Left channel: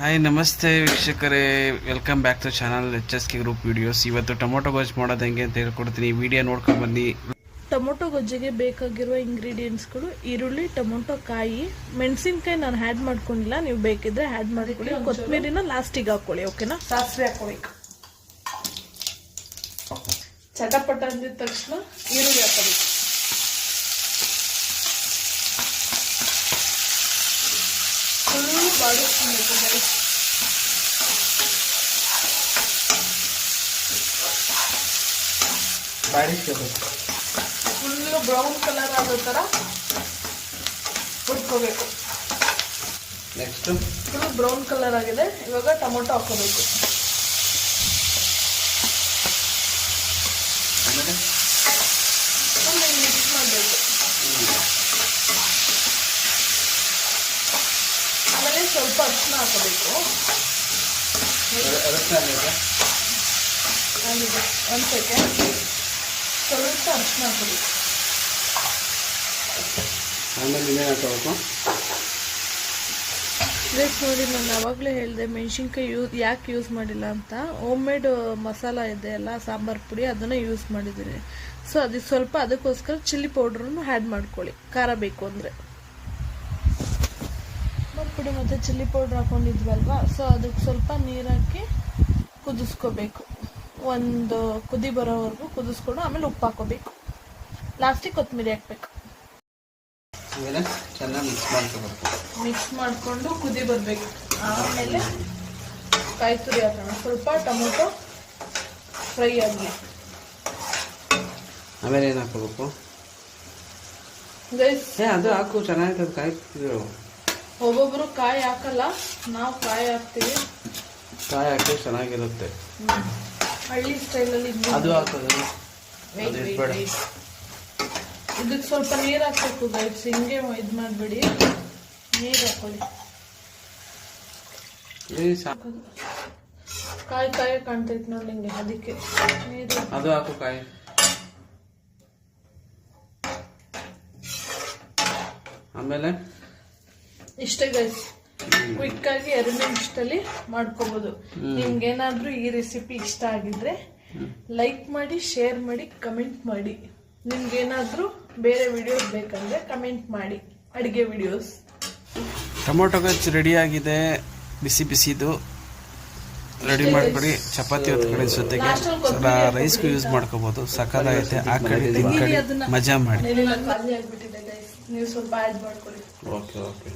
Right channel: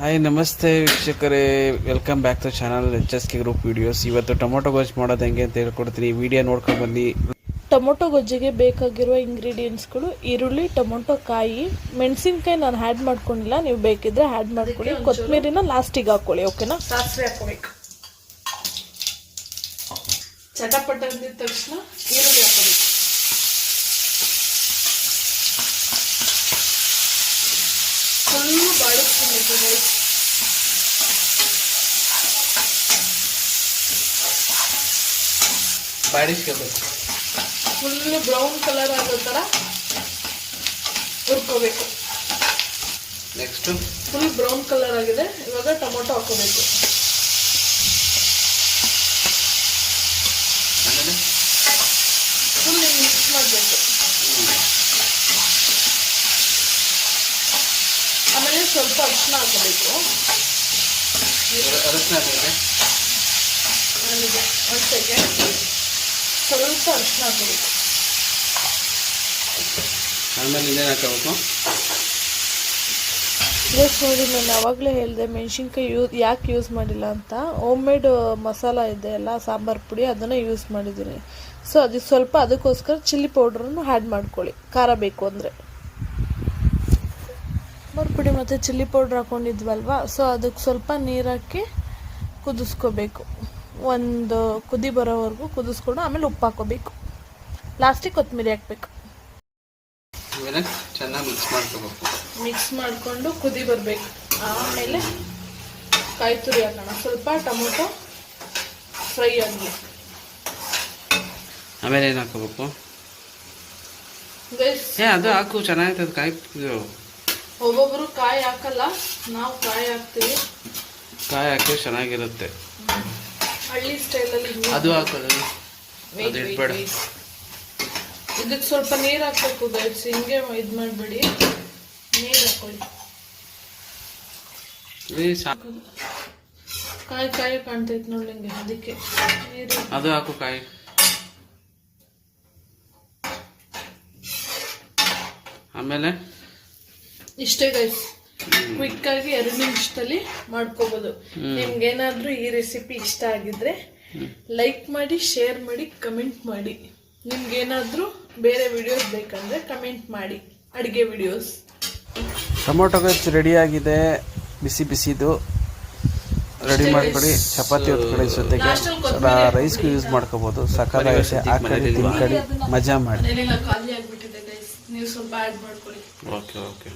Hi ನಮಸ್ತೆ ವೀಕ್ಷಕರೇ, welcome back to channel HSK group videos. ಇವತ್ತು ಟೊಮೊಟೊ ಗೊಜ್ಜು ಮಾಡೋದು ಹೆಂಗೆ ಅಂತ ಹೇಳ್ಕೊಡ್ತೀನಿ. ವಿಡಿಯೋ ನೋಡ್ಕೊಂಡು ಬನ್ನಿ. ಟೊಮೊಟೊ ಗೊಜ್ಜಿಗೆ ಬೇಕಾಗಿರುವ ಇಂಗ್ರೀಡಿಯೆಂಟ್ಸ್ಗಳು ಈರುಳ್ಳಿ, ಟೊಮೊಟೊ ಕಾಯಿ, ಮೆಣಸಿನ್ಕಾಯಿ ನಾನು ಆ್ಯಡ್ ಮಾಡ್ಕೊಂಡಿಲ್ಲ, ನೀವು ಬೇಕಿದ್ರೆ ಆ್ಯಡ್ ಮಾಡ್ಕೊಳ್ಳಿ. ಕೊತ್ತಂಬರಿನ ಲಾಸ್ಟಿಗೆ ಹಾಕೊಳ್ಳಿ, ಓಕೆನಾ? ಸಾಸಿವೆ ಹಾಕೋಬೇಕು. ಚಟಪಟ ಅಂದಿದ ತಕ್ಷಣ ಈರುಳ್ಳಿ ಹಾಕೋಬೇಕು. ಫುಲ್ಲು ಬ್ರೌನ್ ಕಲರ್ ಆಗೋ ಥರ ಹುರ್ಕೋಬೇಕು. ನೆಕ್ಸ್ಟ್ ಫುಲ್ ಬ್ರೌನ್ ಕಲರ್ ಆಗಿದೆ. ಇವಾಗ ಟೊಮೊಟೊ ಹಾಕೋಬೇಕು. ಫುಲ್ ಮಿಕ್ಸ್ ಮಾಡಬೇಕು. ಆಮೇಲೆ ಸ್ವಲ್ಪ ಅರಿಶಿನ ಹಾಕೋಬೇಕು. ಒಂದು ಸೆಕೆಂಡ್, ಸ್ವಲ್ಪ ಅರಿಶಿನ ಹಾಕೋಬೇಕು. ಆಮೇಲೆ ಇನ್ನೇನು ಹಾಕೋಬೇಕು? ನೆಕ್ಸ್ಟ್ ನೋಡಿ, ನಾನು ಆವಾಗಲೇ ಹೇಳಿದೆ ಮೆಣಸಿನ್ಕಾಯಿ ಯಾಕೆ ಯೂಸ್ ಮಾಡಿಲ್ಲ ಅಂತ. ಹೋಮ್ ಮೇಡ್ ಮಸಾಲ ಇದೆ ಅಲ್ಲ, ಸಾಂಬಾರು ಪುಡಿ, ಅದನ್ನು ಯೂಸ್ ಮಾಡಿದ್ದೀನಿ. ಸೊ ಅದಕ್ಕೆ ಸ್ವಲ್ಪ, ಅದಕ್ಕೋಸ್ಕರ ಚಿಲ್ಲಿ ಪೌಡ್ರನ್ನು ಆ್ಯಡ್ ಮಾಡ್ಕೊಳ್ಳಿ, ಖಾರ ಬೇಕು ಅಂದರೆ. ಸಾಂಬಾರು ಪುಡಿ ಮತ್ತು ಚಿಲ್ಲಿ ಪೌಡ್ರ್ ಹಾಕೊಂಡಿದ್ವಲ್ವ, ಸೊ ಅದಕ್ಕೆ ಸ್ವಲ್ಪ ನೀರು ಹಾಕಿ ಕುದಿಸ್ಕೋಬೇಕು. ಒಂದು ಕುದಿ ಬರೋವರೆಗೂ ಕುದಿಸ್ಕೊಂಡು ಆಮೇಲೆ ಉಪ್ಪು ಹಾಕೋಬೇಕು. ಲಾಸ್ಟಿಗೆ ಕೊತ್ತಂಬರಿ ಹಾಕಬೇಕು. ಆಮೇಲೆ ಚೆನ್ನಾಗಿ ಮಿಕ್ಸ್ ಮಾಡ್ಕೋಬೇಕು. ಮಿಕ್ಸ್ ಮಾಡಿಕೊಂಡು ಕುದಿ ಬರಬೇಕು. ಆಮೇಲೆ ಕಾಯಿ ತುರಿ ಹಾಕೋಣ. ಸ್ವಲ್ಪ ಟೊಮೊಟೊ ಫ್ರೈ ಆಗಲಿ. ಆಮೇಲೆ ಏನು ಹಾಕೋಬೇಕು? ಅದು ಹಾಕು, ಚೆನ್ನಾಗಿರ್ತದೆ ಕಾಯಿ. ಒಬ್ಬೊಬ್ರು ಕಾಯಿ ಹಾಕಲ್ಲ, ನಾವು ಕಾಯಿ ಹಾಕ್ತೀವಿ. ಕಾಯಿ ಹಾಕಿ ಚೆನ್ನಾಗಿರುತ್ತೆ. ಹಳ್ಳಿ ಸ್ಟೈಲಲ್ಲಿ ಅದು ಹಾಕೋದು. ಇದಕ್ಕೆ ಸ್ವಲ್ಪ ನೀರು ಹಾಕ್ಬೇಕು ಗೈಸ್. ಹಿಂಗೆ ಇದು ಮಾಡಬೇಡಿ, ನೀರು ಹಾಕೊಳ್ಳಿ. ಕಾಯಿ ಕಾಯಿ ಕಾಣ್ತೈತೆ ನೋಡಿ ನಿಂಗೆ, ಅದಕ್ಕೆ ನೀರು. ಅದು ಹಾಕು ಕಾಯಿ. ಆಮೇಲೆ ಇಷ್ಟೇ ಗೈಸ್, ಕ್ವಿಕ್ ಆಗಿ 2 ನಿಮಿಷದಲ್ಲಿ ಮಾಡ್ಕೋಬಹುದು. ನಿಮ್ಗೇನಾದ್ರೂ ಈ ರೆಸಿಪಿ ಇಷ್ಟ ಆಗಿದ್ರೆ ಲೈಕ್ ಮಾಡಿ, ಶೇರ್ ಮಾಡಿ, ಕಮೆಂಟ್ ಮಾಡಿ. ನಿಮ್ಗೇನಾದ್ರೂ ಬೇರೆ ವಿಡಿಯೋಸ್ ಬೇಕಂದ್ರೆ ಕಮೆಂಟ್ ಮಾಡಿ, ಅಡುಗೆ ವಿಡಿಯೋಸ್. ಟೊಮೊಟೊ ಗೊಜ್ಜು ರೆಡಿ ಆಗಿದೆ. ಬಿಸಿ ಬಿಸಿದು ರೆಡಿ ಮಾಡ್ಕೊಳ್ಳಿ. ಚಪಾತಿ ಹೊತ್ಕೊಳ್ಳಿ, ಜೊತೆಗೆ ರೈಸ್ಗೂ ಯೂಸ್ ಮಾಡ್ಕೋಬಹುದು. ಸಕ್ಕತ್ತಾಗೈತೆ. ಹಾಕೊಳ್ಳಿ, ತಿನ್ಕೊಳ್ಳಿ, ಮಜಾ ಮಾಡಿ. ಖಾಲಿ ಆಗ್ಬಿಟ್ಟಿದೆ ಗೈಸ್, ನೀವು ಸ್ವಲ್ಪ ಆ್ಯಡ್ ಮಾಡ್ಕೊಳ್ಳಿ. ಓಕೆ.